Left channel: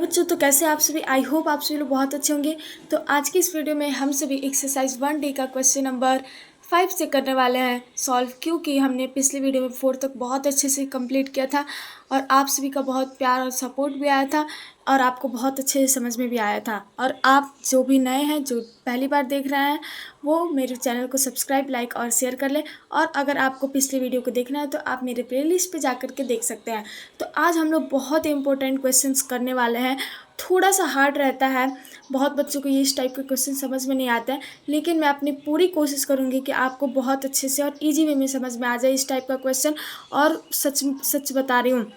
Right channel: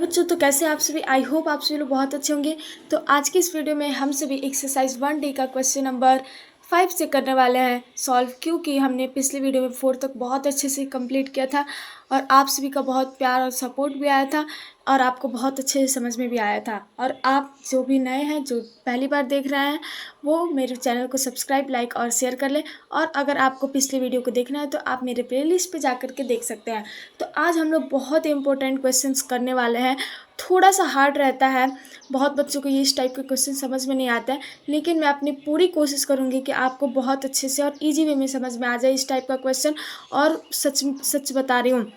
बच्चों तो कैसे आप सभी। आई होप आप सभी लोग बहुत अच्छे होंगे। तो आज की इस वीडियो में हम सभी एक्सरसाइज 1D का क्वेश्चन नंबर 5 से करने वाले हैं सॉल्व, क्योंकि हमने पिछली वीडियो में 4 तक बहुत अच्छे से कंप्लीट किया था और आप सभी का बहुत प्यार और सपोर्ट भी आया था और आपको बहुत अच्छे से समझ में भी आया था। और आप जो भी नए हैं, जो पहली बार देख रहे हैं, वो मेरे चैनल को सब्सक्राइब, लाइक और शेयर कर लें। और अगर आपको पिछली वीडियो को देखना है तो आप मेरे प्लेलिस्ट पे जा कर के देख सकते हैं। तो आज हम लोग बहुत इंपॉर्टेंट क्वेश्चंस करने वाले हैं। थोड़ा सा हार्ड रहता है, बहुत बच्चों को ये इस टाइप के क्वेश्चन समझ में नहीं आता है, लेकिन मैं अपनी पूरी कोशिश करूँगी कि आपको बहुत अच्छे से और ईजी वे में समझ में आ जाए इस टाइप का क्वेश्चन। और सच सच बता रही हूँ,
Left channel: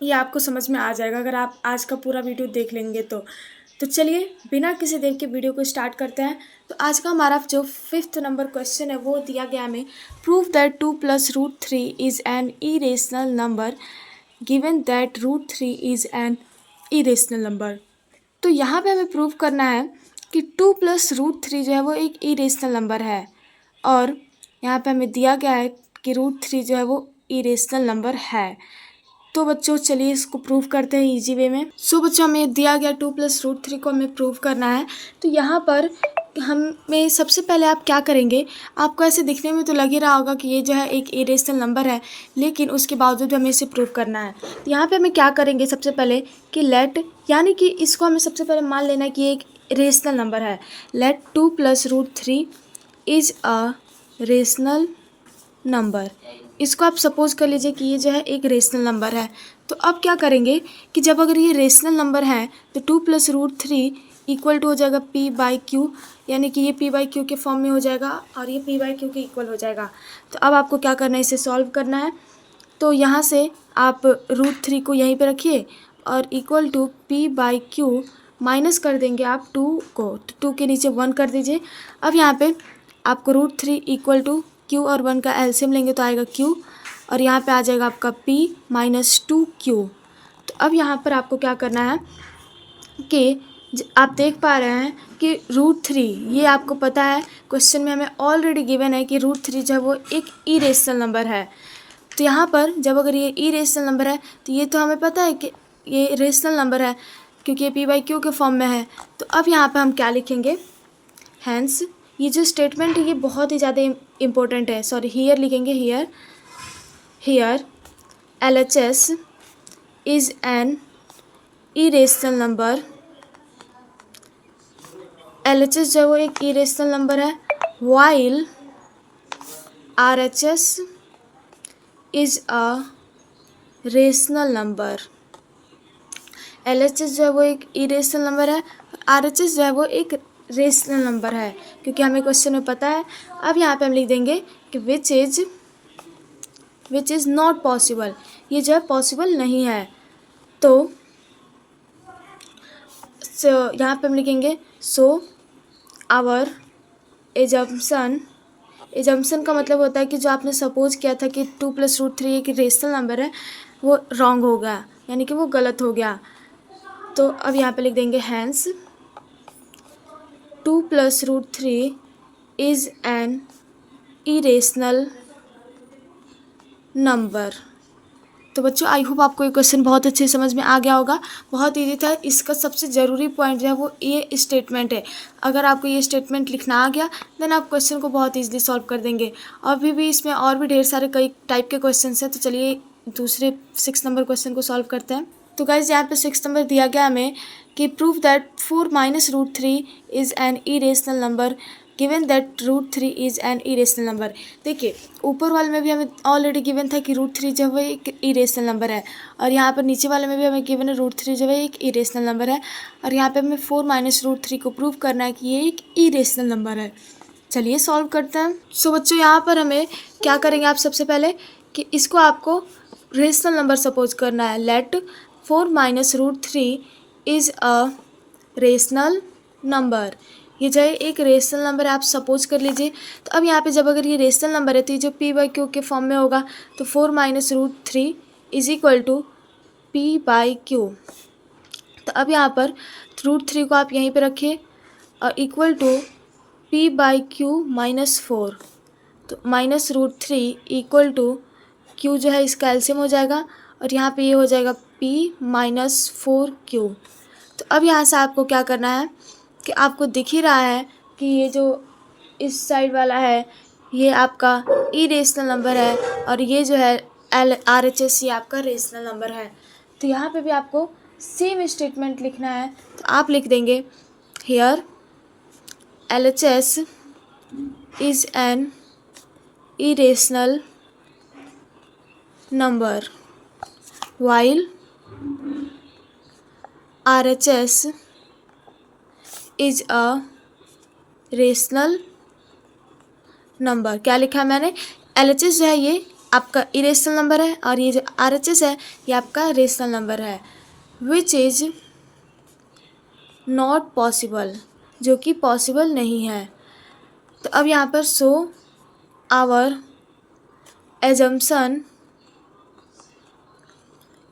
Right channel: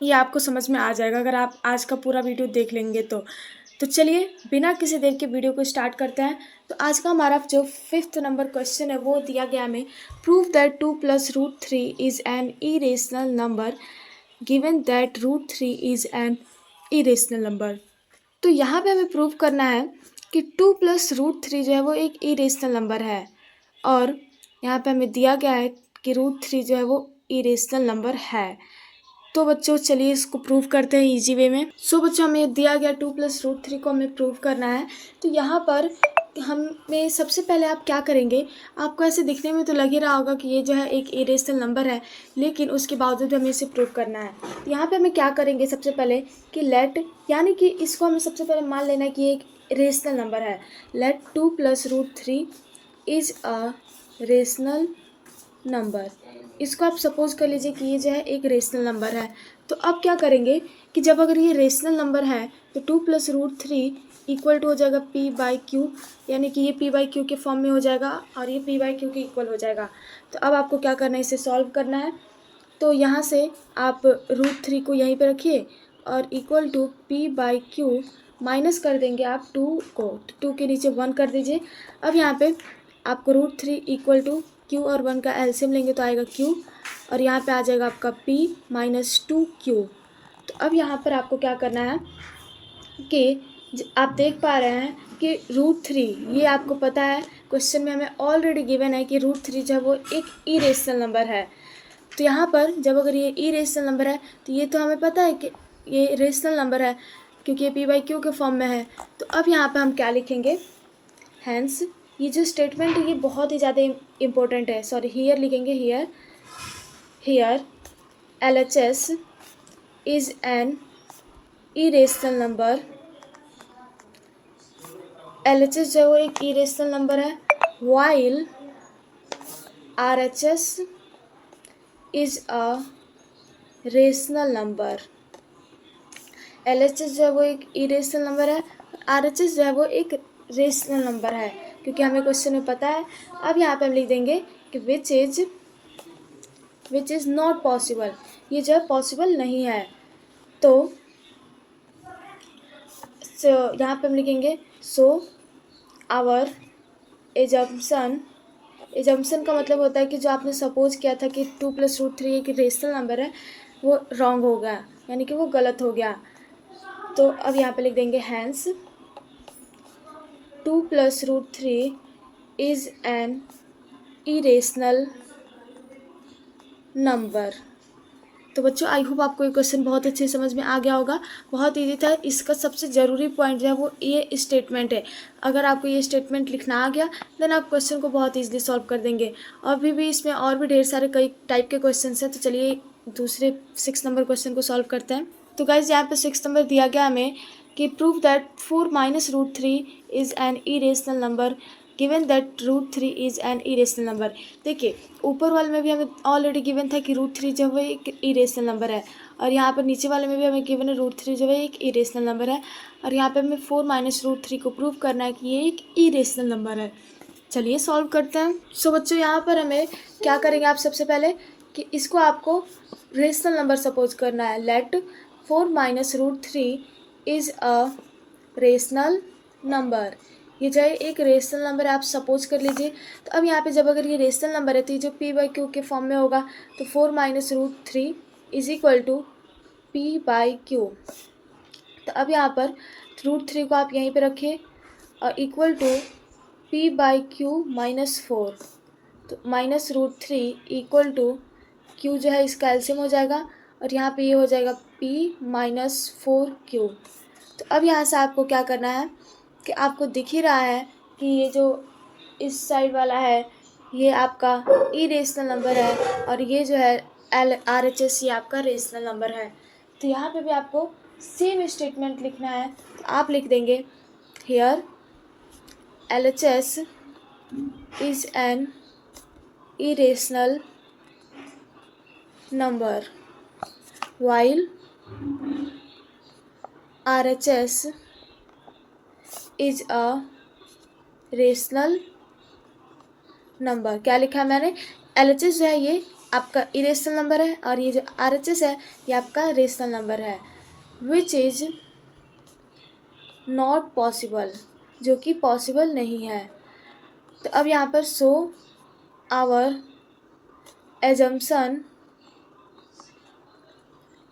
ये आपको समझ में आ जाएगा अगर आप आज का पूरा वीडियो देख लेंगे तो चलिए बिना किसी देर के वीडियो को स्टार्ट करते हैं। तो आज का हमारा जो 5th नंबर क्वेश्चन है वो दिया गया हमें, prove that 2 + √3 is an irrational number given that √3 is an irrational number. तो यहाँ पे हमें प्रूव करना है कि 2 + √3 जो है वो एक इरेशनल नंबर है, और यहाँ पे हमें दिया गया है कि √3 जो है वो इरेशनल नंबर है। तो बच्चों चलिए इसको प्रूव करते हैं इजी वे में। सो बच्चों हमें दिया गया 2 + √3 को हमें प्रूव करना है। तो यहाँ पर हमें सबसे पहले आप क्या करेंगे, आपको ऐसे दिखने में तो लग ही रहा होगा कि ये जो है एक इरेशनल नंबर है, लेकिन उसके बावजूद हमें इसे प्रूव करना है। तो यहाँ पे हमें क्या करेंगे सबसे पहले कि लेट, यानी कि इसको हमें सबसे पहले मान लेना है कि ये एक रेशनल नंबर है। Let 2 + √3 is a rational number. इसको आप सपोज कर लीजिए कि ये जो है एक रेशनल नंबर है। तो अब क्या करेंगे कि जब अगर ये रेशनल नंबर है तो 2 + √3 इक्वल टू हो जाएगा p/q, यानी कि ये p/q के फॉर्म में हो जाएगा और ये p/q के इक्वल हो जाएगा। तो अब आपको क्या करना है, इसे सॉल्व करना है। तो यहाँ से आप √3 को यहीं पे रखिए और इक्वल टू p/q माइनस कर देंगे आप 2 को, तो 2 के नीचे 1 कर दीजिए। अब यहाँ पे आपको √3 इक्वल टू q और 1 का एलसीएम लेंगे तो आएगा q, और यहाँ पे आ जाएगा आपका p - 2q। तो अब यहाँ पर आपको क्या करना है कि आप देख पा रहे हैं कि √3, ये आपको पता है क्वेश्चन में हमें ऑलरेडी गिवन है कि √3 जो है वो एक इरेशनल नंबर है। तो यहाँ पर जब अगर ये इरेशनल नंबर है तो ये तो हमें पता है कि ये रेशनल नंबर है क्योंकि ये p/q के फॉर्म में है। तो अब यहाँ पे हम क्या लिखेंगे, हैंस ये जो स्टेटमेंट है ये बहुत ही ज़्यादा इम्पोर्टेंट है। सॉरी, हियर लिखेंगे, here LHS is an irrational number. LHS जो है वो एक इरेशनल नंबर है, while RHS is a rational number. LHS जो है वो एक इरेशनल नंबर है, RHS जो है वो एक रेशनल नंबर है, क्योंकि हमें क्वेश्चन में पता है। अब यहाँ पे हम लिख देंगे कि विच इज़ नॉट पॉसिबल, ये जो है पॉसिबल नहीं है। तो यहाँ पे हम लिखेंगे सो आवर एजम्पशन का मतलब होता है कि जो आपने सपोज किया था कि 2 + √3 एक रेशनल नंबर है, वो रॉन्ग हो गया, यानी कि वो गलत हो गया। तो अब यहाँ पे लिख देंगे hence 2 + √3 is an irrational number. तो बच्चों आई होप आपको ये क्वेश्चन बहुत अच्छे से समझ में आ गया होगा, बहुत ईजी था। इसका सबसे ज़रूरी पॉइंट जो है वो ये स्टेटमेंट है। अगर आपको ये स्टेटमेंट लिखना आ गया देन आप क्वेश्चन को बहुत ईजिली सॉल्व कर देंगे। अभी भी इसमें और भी ढेर सारे कई टाइप के क्वेश्चन हैं, तो चलिए दूसरे 6 नंबर क्वेश्चन को सॉल्व करते हैं। तो गाइज यहाँ पे 6 नंबर दिया गया हमें कि prove that 4 - √3 is an irrational number given that √3 is an irrational number. देखिए ऊपर वाले में भी हमें ऑलरेडी गिवन था कि √3 जो है एक इरेशनल नंबर है, और यहाँ पर नीचे वाले में भी हमें गिवन है √3 जो है एक इरेशनल नंबर है, और यहाँ पे हमें 4 - √3 को प्रूव करना है कि ये एक इरेशनल नंबर है। चलिए सॉल्व करते हैं। सो बच्चों यहाँ पर हमें क्या करेंगे, आप सबसे पहले कि इसको आपको रेशनल नंबर सपोज करना है। Let 4 - √3 is a rational number, ये जो है एक रेशनल नंबर है, आप सपोज कर लीजिए। तो अब यहाँ पे जब अगर ये रेशनल नंबर है तो ये जो p/q के फॉर्म में होगा, तो 4 - √3 इज़ इक्वल टू p/q। तो अब यहाँ पर √3 को आप यहीं पे रखिए और इक्वल टू p/q - 4। तो -√3 इक्वल टू q जो है इसका एलसीएम हो जाएगा, और यहाँ पे ये हो जाएगा p - 4q। अब यहाँ से आपको क्या करना है कि आपको दिख ही रहा है कि ये जो इस साइड वाला है ये आपका इरेशनल नंबर है और ये जो है RHS ये आपका रेशनल नंबर है। तो यहाँ पे भी आपको सेम स्टेटमेंट लिखना है। तो आप लिख देंगे here LHS is an irrational number while RHS is a rational number। क्या लिखा है मैंने? LHS जो है ये आपका इरेशनल नंबर है और ये जो RHS है ये आपका रेशनल नंबर है। विच इज नॉट पॉसिबल, जो कि पॉसिबल नहीं है। तो अब यहाँ पर so our assumption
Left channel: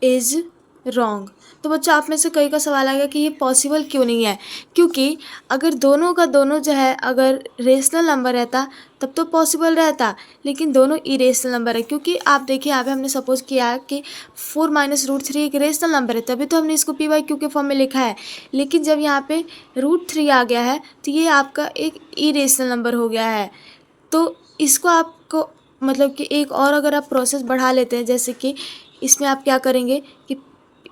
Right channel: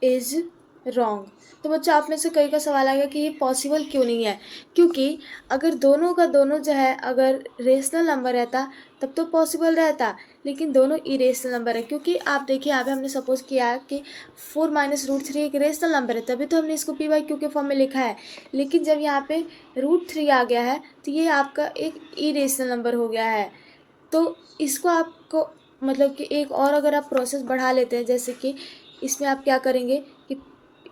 is wrong. तो बच्चों आप में से कई का सवाल आएगा कि ये पॉसिबल क्यों नहीं है, क्योंकि अगर दोनों का दोनों जो है अगर रेशनल नंबर रहता तब तो पॉसिबल रहता, लेकिन दोनों इरेशनल नंबर है। क्योंकि आप देखिए यहाँ पे हमने सपोज किया है कि 4 - √3 एक रेशनल नंबर है, तभी तो हमने इसको p/q के फॉर्म में लिखा है। लेकिन जब यहाँ पे √3 आ गया है तो ये आपका एक इरेशनल नंबर हो गया है। तो इसको आपको मतलब कि एक और अगर आप प्रोसेस बढ़ा लेते हैं, जैसे कि इसमें आप क्या करेंगे कि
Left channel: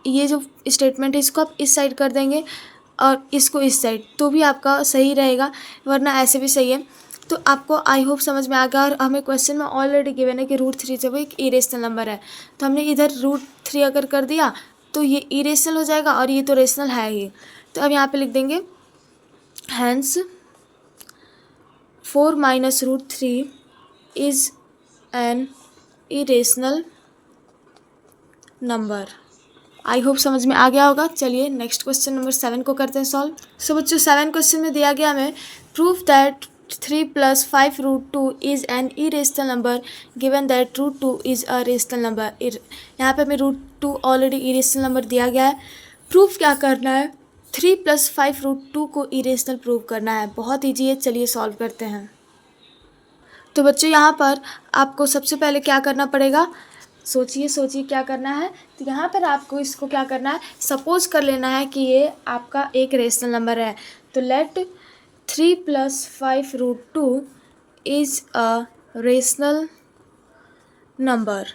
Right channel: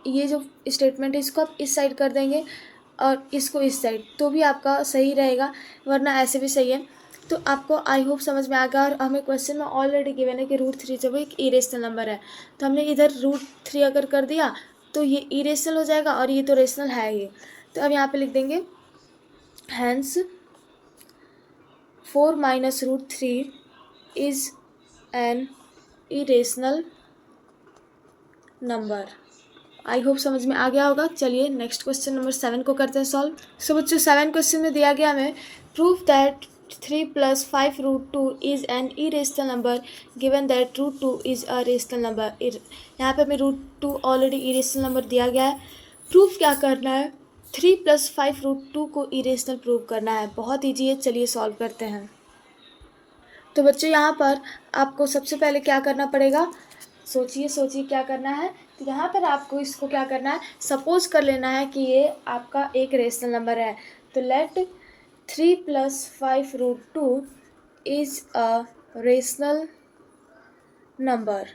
ये जो स्टेटमेंट है इसको आप इस साइड कर देंगे और इसको इस साइड, तो भी आपका सही रहेगा, वरना ऐसे भी सही है। तो आपको आई होप समझ में आ गया। और हमें क्वेश्चन में ऑलरेडी गिवन है कि √3 जब एक इरेशनल नंबर है तो हमने इधर √3 अगर कर दिया तो ये इरेशनल हो जाएगा और ये तो रेशनल है ही। तो अब यहाँ पे लिख देंगे hence 4 - √3 is an irrational number. I hope समझ में आ गया होगा। चलिए नेक्स्ट क्वेश्चन नंबर 7 को करते हैं सॉल्व। सो बच्चों 7 क्वेश्चन में दिया गया हमें proof that 3 + 5 √2 is an irrational number given that √2 is a rational number. यहाँ पे हमें √2 ऑलरेडी इरेशनल नंबर दिया गया है। प्रूफ क्या करना है? 3 + 5 √2 को इरेशनल प्रूव करना है। बहुत ईजी है, चलिए सॉल्व करते हैं। तो बच्चों यहाँ पर आपको सबसे पहले क्या करना पड़ेगा? सोचिए क्या करना है। तो यहाँ पर आपको इसको क्या करना है, सपोज कर लेना है कि ये आपका एक रेशनल नंबर है। तो let 3 + 5 √2 is a rational number.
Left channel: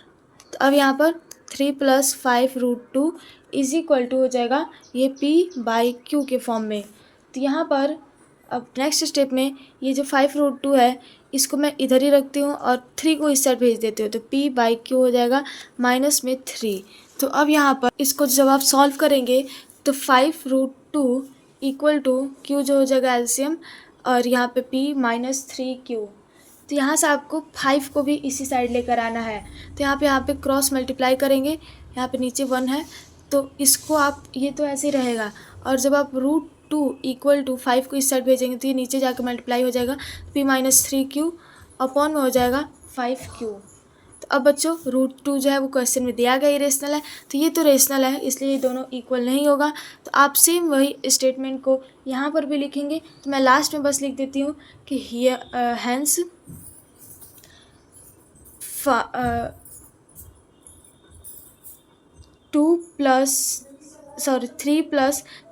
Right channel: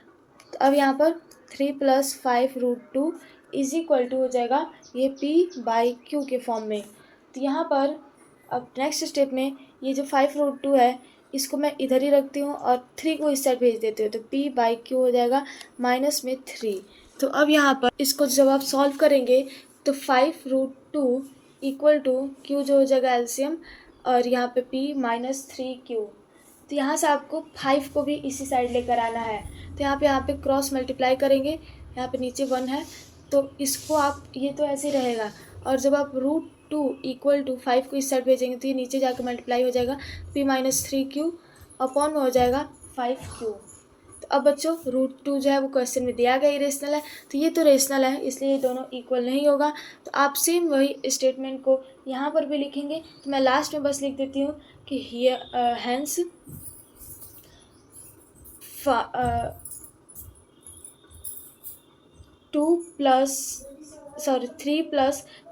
तो अब यहाँ पर 3 + 5 √2 इज इक्वल टू हो जाएगा ये p/q के फॉर्म में। तो यहाँ पर अब नेक्स्ट स्टेप में ये जो 5 √2 है इसको मैं इधर ही रखती हूँ और 3 को इस साइड भेज देती हूँ। तो p/q हो जाएगा -3। तो अब यहाँ पर इसको जब आप सॉल्व करेंगे तो 5 √2 इक्वल टू q जो हो जाएगा एलसीएम और यहाँ पे p -3q। तो यहाँ से आपको 5 को भी इसी साइड लेकर आना है। तो यहाँ पे क्रॉस मल्टीप्लाई करेंगे, यहाँ पे नीचे 1 है तो इसको आप ये तो ऐसे ही रहेगा। और जब आप √2 इक्वल टू 5 को इस साइड भेजेंगे तो ये नीचे जाकर मल्टीप्लाई हो जाएगा, p -3q अपॉन में हो जाएगा 5q। तो अब बच्चों √2 जो है वो क्वेश्चन में दिया गया इरेशनल है, तो ये तो रेशनल है इसलिए ये दोनों इक्वल नहीं होगा। तो आप सेम वही स्टेटमेंट को यहाँ पर भी लिखेंगे। तो मैं लास्ट में बस लिख देती हूँ कि hence 3 +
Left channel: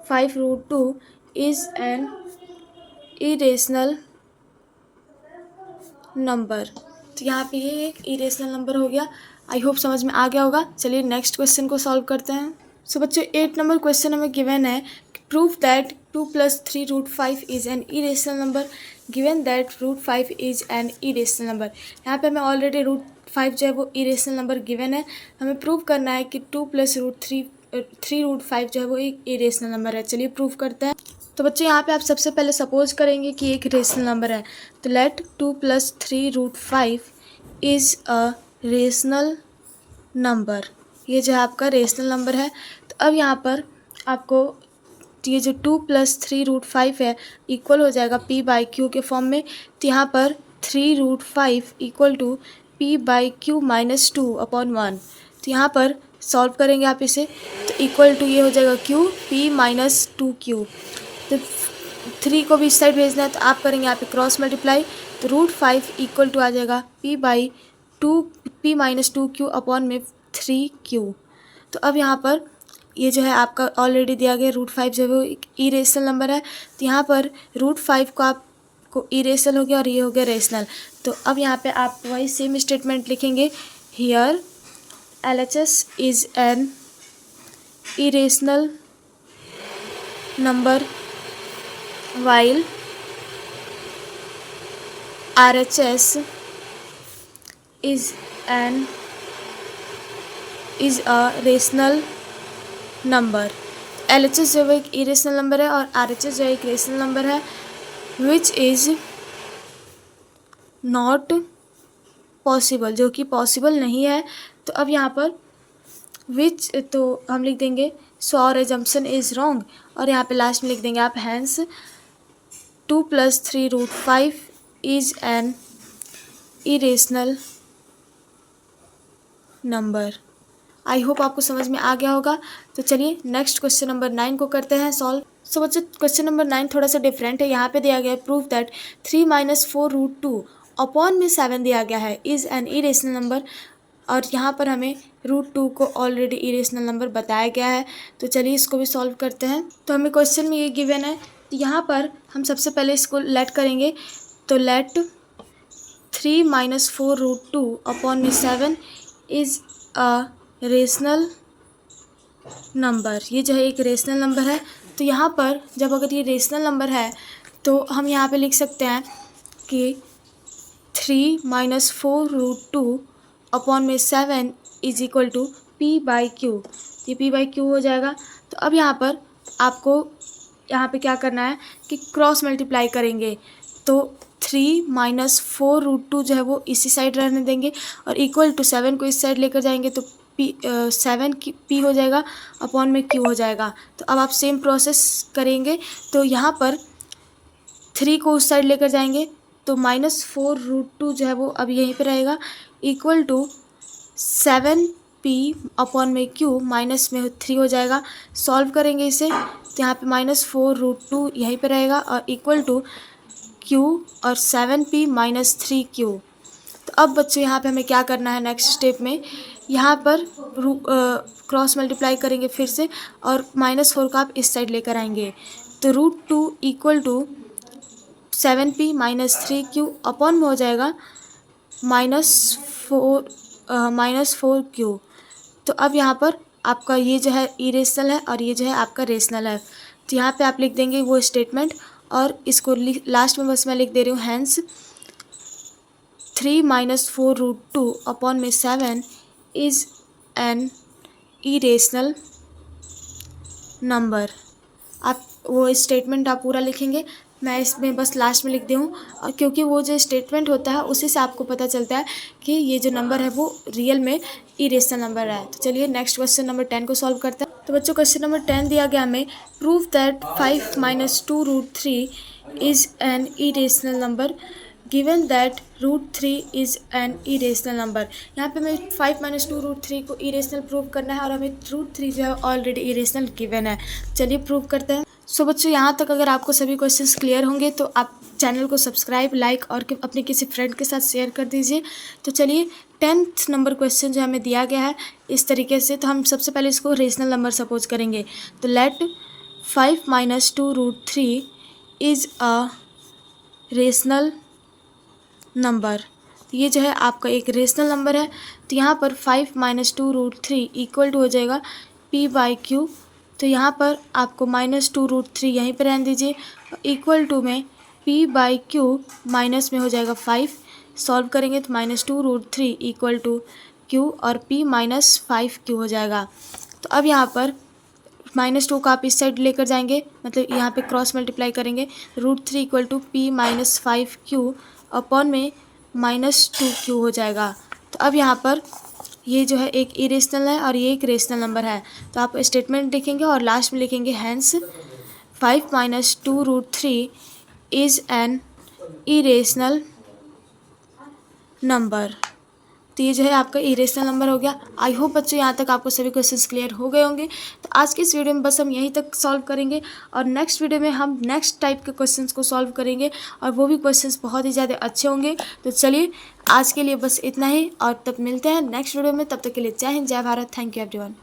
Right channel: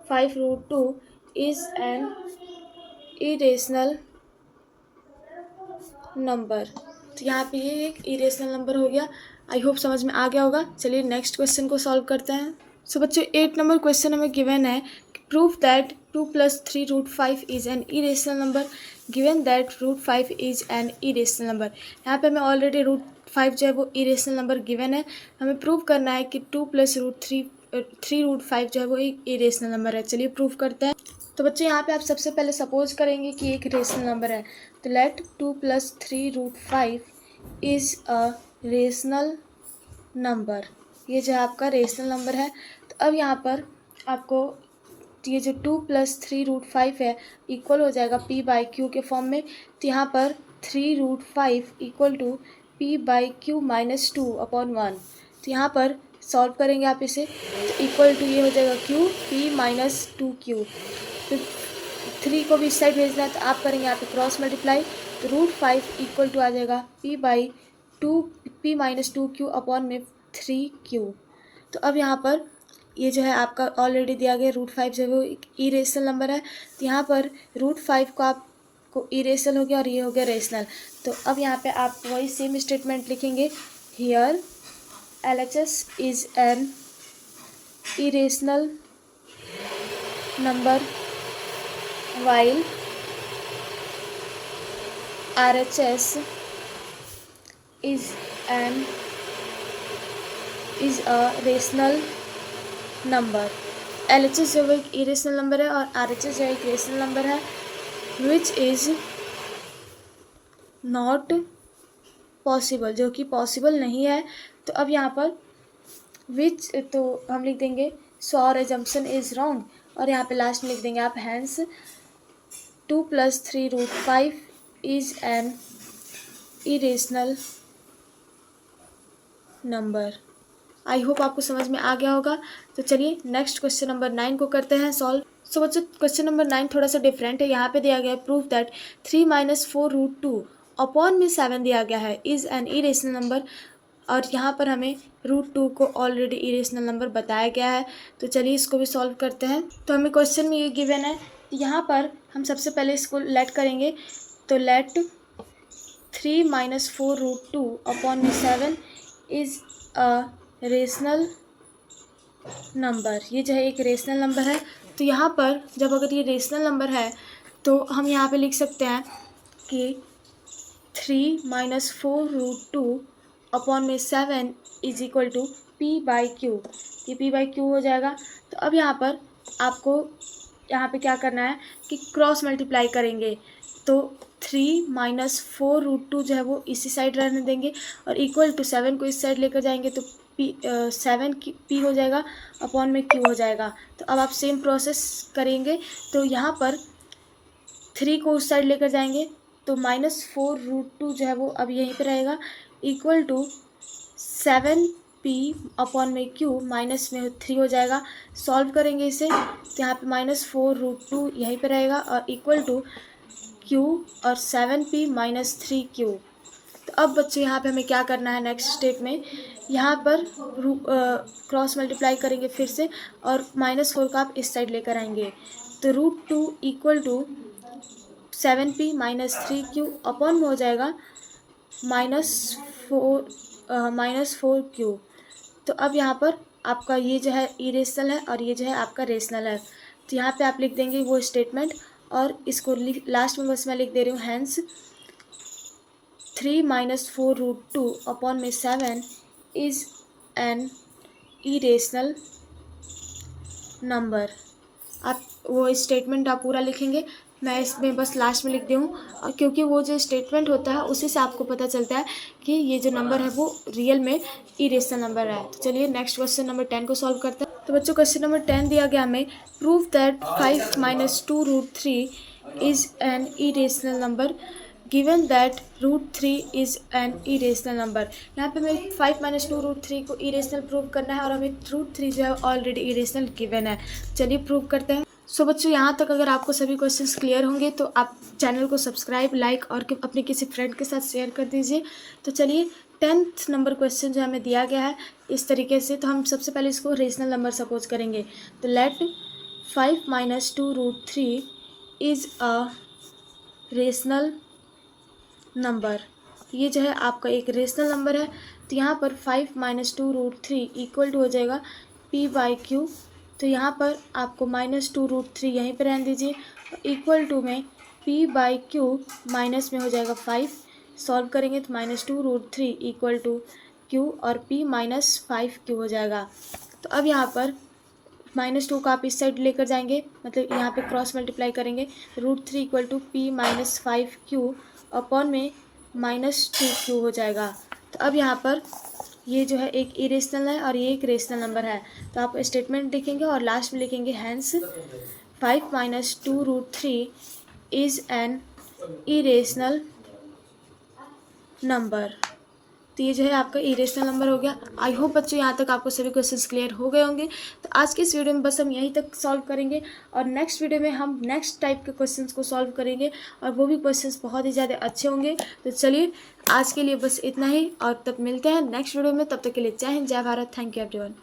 5 √2 is an irrational number. तो यहाँ पे ये एक इरेशनल नंबर हो गया। आई होप समझ में आ गया होगा। चलिए नेक्स्ट क्वेश्चन को सॉल्व करते हैं। सो बच्चों 8 नंबर क्वेश्चन हमें गिवन है proof that 2 + 3 √5 is an irrational number given that √5 is an irrational number. यहाँ पे हमें ऑलरेडी √5 जो है वो इरेशनल नंबर गिवन है। हमें प्रूव करना है कि 2 + √3 √5 जो है वो एक इरेशनल नंबर है। चलिए प्रूव करते हैं। तो बच्चे यहाँ पे आप सबसे पहले सपोज करेंगे कि एक रेशनल नंबर है। तो let 2 + 3 √5 is a rational number. ये जो है आपका रेशनल नंबर है। तो अब यहाँ पर आपको ये जो 2 + 3 √5 है इक्वल हो जाएगा p/q के फॉर्म में। तो यहाँ पर 3 √5 इक्वल टू p/q -2 अपॉन 1। तो यहाँ पर सॉल्व करेंगे आप इसे तो इक्वल टू ये हो जाएगा q p -2q। तो 3 को भी इस साइड भेजना है तो आप करेंगे यहाँ पे क्रॉस मल्टीप्लाई। तो √5 इक्वल टू आ जाएगा p/2 p -2q अपॉन में 3q। तो अब यहाँ पर ये जो है आपका ऑलरेडी दिया गया √5 जो है वो एक इरेशनल नंबर है। तो यहाँ पर √5 को आपको इरेशनल हो गया और ये हो गया रेशनल। तो अब यहाँ पे आप वही सेम स्टेटमेंट लिखेंगे, here LHS is an irrational number while RHS is a rational number। LHS जो है एक इरेशनल नंबर है और RHS जो है एक रेशनल नंबर है, विच इज़ नॉट पॉसिबल, जो कि पॉसिबल नहीं है। तो अब यहाँ पर विच तो हम लिख देंगे so our assumption is wrong, और यहाँ पे लास्ट में लिख देंगे आप hence 2 + 3 √5 is an irrational number. I hope आपको समझ में आ गया होगा। तो चलिए नेक्स्ट क्वेश्चन नंबर 9 को करते हैं सॉल्व। सो बच्चों क्वेश्चन नंबर 9 थोड़ा सा डिफरेंट है। यहाँ पे दिया गया है प्रूफ दैट 3 - 4 √2 अपॉन में 7 दिया गया है इज़ एन इरेशनल नंबर, और यहाँ पर हमें √2 को ऑलरेडी इरेशनल नंबर बताया गया है। तो चलिए इसको भी सॉल्व करते हैं। तो हमें क्वेश्चन में ये गिवन है, तो यहाँ पर हम सबसे पहले इसको लेट करेंगे। तो लेट 3 - 4 √2 अपॉन में 7 इज़ अ रेशनल नंबर। ये जो है एक रेशनल नंबर है। तो यहाँ पर जब अगर ये रेशनल नंबर है तो हम यहाँ पे लिख सकते हैं कि 3 - 4 √2 अपॉन में 7 इज इक्वल टू P/Q। ये P/Q हो जाएगा। तो अब यहाँ पर आपको यहाँ पे क्या करना है कि क्रॉस मल्टीप्लाई करेंगे। तो 3 - 4 √2 जो है वो इसी साइड रहने देंगे और इक्वल टू 7 को इस साइड लेकर जाएंगे तो 7 की P हो जाएगा अपॉन में Q हो जाएगा। तो अब आप सेम प्रोसेस करेंगे। तो यहाँ पर 3 को उस साइड लेकर जाएंगे तो -4 √2 जो है वो अब यहीं पे रहेगा इक्वल टू 7P अपॉन में Q माइनस में 3 हो जाएगा। सॉल्व करेंगे इसे तो यहाँ पे -4 √2 यहीं पे रहेगा और इक्वल टू Q और 7P - 3Q। तो अब बच्चों यहाँ पे हमें क्या करना है नेक्स्ट स्टेप में, यहाँ पर क्रॉस मल्टीप्लाई करेंगे फिर से और -4 को आप इस साइड लेकर आएंगे। तो √2 equal to 7P - 3Q upon में हो जाएगा -4Q। तो अब यहाँ पर आपका ये जो है इरेशनल है और ये जो है आपका रेशनल है। तो यहाँ पे आप लिख देंगे वो स्टेटमेंट और इसको लास्ट में बस मैं लिख दे रही हूँ हैंस 3 - 4 √2 अपॉन में 7 इज़ एन इरेशनल नंबर। आप वो स्टेटमेंट आप पूरा लिखेंगे, मैं इसमें बस लास्ट में लिख दी हूँ, और क्योंकि वो जो स्टेटमेंट होता है उसी से आपको पता चलता है कि ये जो नंबर है वो रियल में इरेशनल नंबर है। तो चलिए नेक्स्ट क्वेश्चन नंबर 10 को सॉल्व करते हैं। तो बच्चों क्वेश्चन नंबर 10 दिया गया हमें prove that 5 - 2 √3 is an irrational number given that √3 is an irrational number. यहाँ पे हमें 5 - 2 √3 को इरेशनल प्रूव करना है और हमें √3 जो है ऑलरेडी इरेशनल गिवन है। चलिए प्रूव करते हैं। सो बच्चों यहाँ तक अगर आपको सभी क्वेश्चंस क्लियर होंगे तो आप चैनल को सब्सक्राइब, लाइक और अपने किसी फ्रेंड के साथ शेयर कर दीजिए। तो चलिए 10th नंबर क्वेश्चन जो हमें दिया गया है इस तरीके से। तो हम सबसे पहले इसको रेशनल नंबर सपोज करेंगे। तो let 5 - 2 √3 is a rational number. ये जो है आपका एक रेशनल नंबर है। तो यहाँ पर 5 - 2 √3 इक्वल टू हो जाएगा P/Q। तो यहाँ पर आपको -2 √3 यहीं पर रहने दीजिए, इक्वल टू में P/Q माइनस में हो जाएगा 5। सॉल्व करेंगे तो -2 √3 इक्वल टू Q और P - 5Q हो जाएगा। तो अब यहाँ पर -2 का आप इस साइड लेकर जाएंगे, मतलब यहाँ पे क्रॉस मल्टीप्लाई करेंगे। √3 equal to P - 5Q upon में -2Q हो जाएगा। तो अब यहाँ पर ये जो है एक इरेशनल है और ये एक रेशनल नंबर है। तो आप स्टेटमेंट लिखेंगे और लास्ट में लिखेंगे hence 5 - 2 √3 is an irrational number. तो ये जो है आपका इरेशनल नंबर हो गया। आई होप बच्चों यहाँ तक आपको सभी क्वेश्चंस क्लियर हो गए होंगे। तो आज की इस वीडियो में बस हम यहीं तक सॉल्व करेंगे और नेक्स्ट वीडियो में हम नेक्स्ट टाइप के क्वेश्चंस को सॉल्व करेंगे और वो भी क्वेश्चंस बहुत ही ज़्यादा अच्छे होंगे। तो चलिए आज के लिए बस इतना ही और तब मिलते हैं नेक्स्ट वीडियो में। तब तक के लिए जय हिंद, जय भारत। Thank you everyone.